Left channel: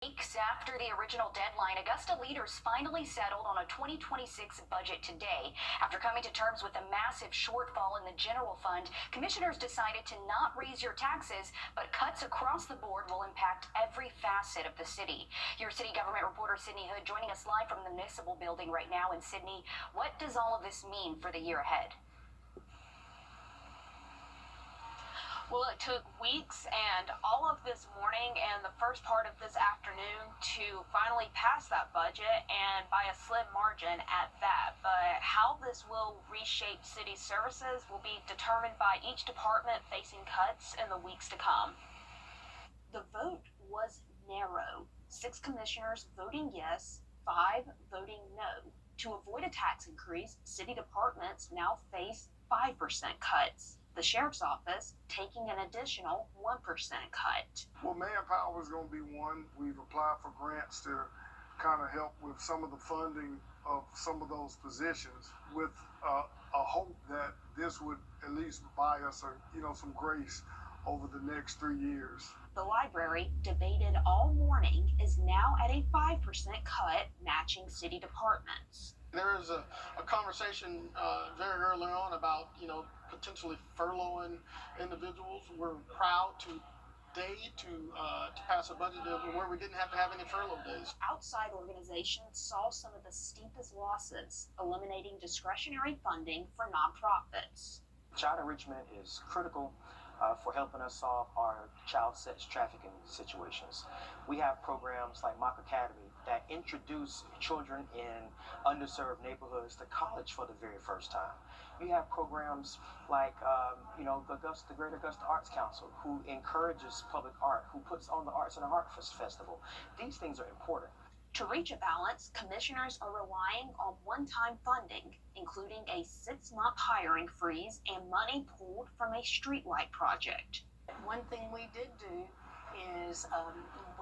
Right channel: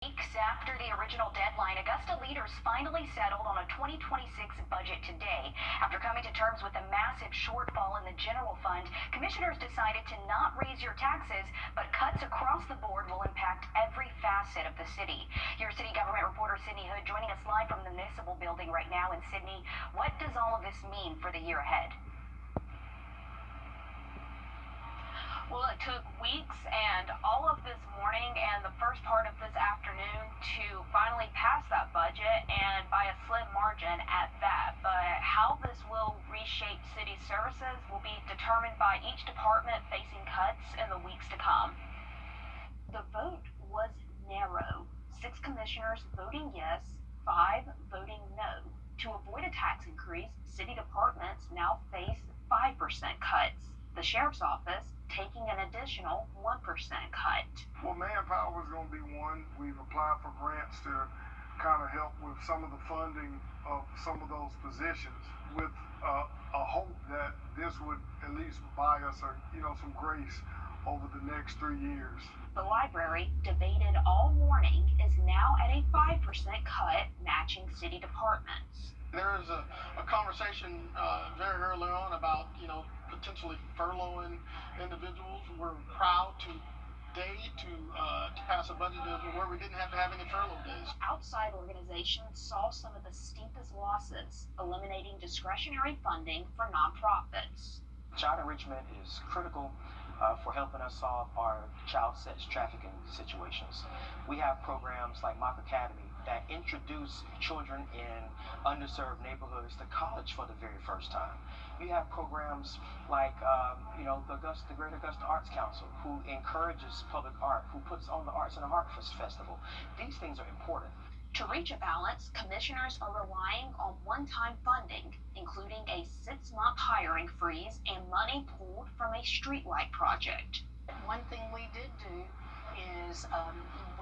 Weeks after the original deadline, Augusta leaders finally settled on a 2026 budget today. After coming to terms with a massive shortfall in the general fund, commissioners decided to not raise your taxes, but cuts across the board will impact every facet of the city. Your city government reporter Sydney Hood joining us live from the municipal building right now. And Sydney, what does all of this mean for the year ahead? Well, it took weeks and all of this morning and the first part of this afternoon to finally pass that budget, and by a slim margin at that. But how this will reshape city services will be determined by each department facing cuts in the weeks to come. The vote was narrow. 6 commissioners voting yes, 5 voting no. To avoid a tax increase, city departments now face 5% cuts. The sheriff's office taking an additional 1% cut. Well, manpower is going to be one. We've applied for grants to kind of help with some of the funding of some of those positions, with a hope that this would at least buy us some grace over the next 3 years. The library, debated all morning, is now at a 5% cut, matching city departments. There is a conversation very early on about, potentially furloughing individuals. We're proud today to pass a budget where we didn't have to have any furlough days. Outside organizations saw some of the steepest losses, eliminating discretionary funding for nonprofits. Child enrichment is critical for helping us solve our child sex trafficking situations. We have programs like Mock Academy that introduce children in underserved neighborhoods to college for the very first time. We have programs like the Great Augusta Arts Council, who encourages public art, who puts on the Arts and Art Festival. These things are important. To reach a balance, commissioners are relying on one-time funding, including a 6-month hiring freeze and money pulled from a streetlight project. One thing we did do is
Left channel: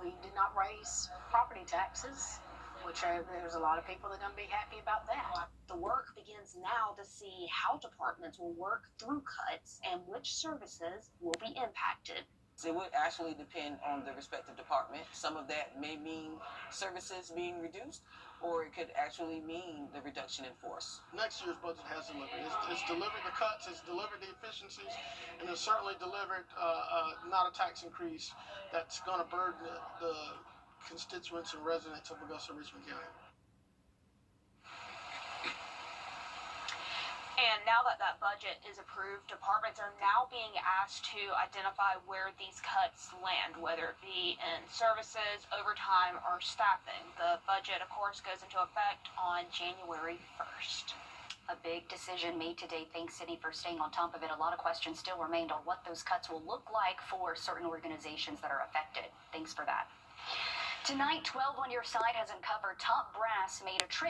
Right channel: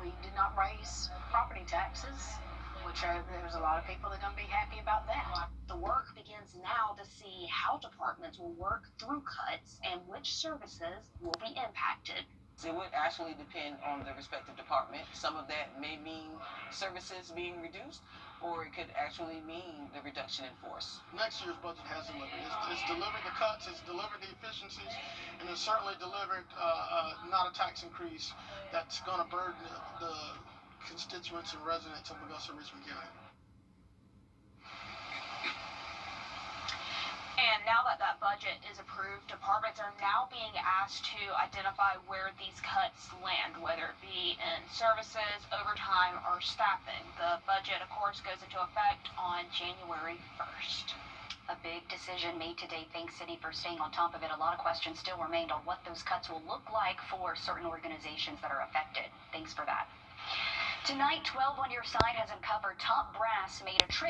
we did not raise property taxes, which there's a lot of people that are going to be happy about that. The work begins now to see how departments will work through cuts and which services will be impacted. It would actually depend on the respective department. Some of that may mean services being reduced, or it could actually mean the reduction in force. Next year's budget has delivered. It's delivered the cuts, it's delivered the efficiencies, and it's certainly delivered not a tax increase that's going to burden the constituents and residents of Augusta and Richmond County. And now that that budget is approved, departments are now being asked to identify where these cuts land, whether it be in services, overtime, or staffing. The budget, of course, goes into effect on January 1st. A big decision made today. Thanks, Sydney, for staying on top of it. A lot of questions still remained on what those cuts will look like for certain organizations that are affected. Thanks for that. Tonight, 12 on Your Side has uncovered top brass made a trip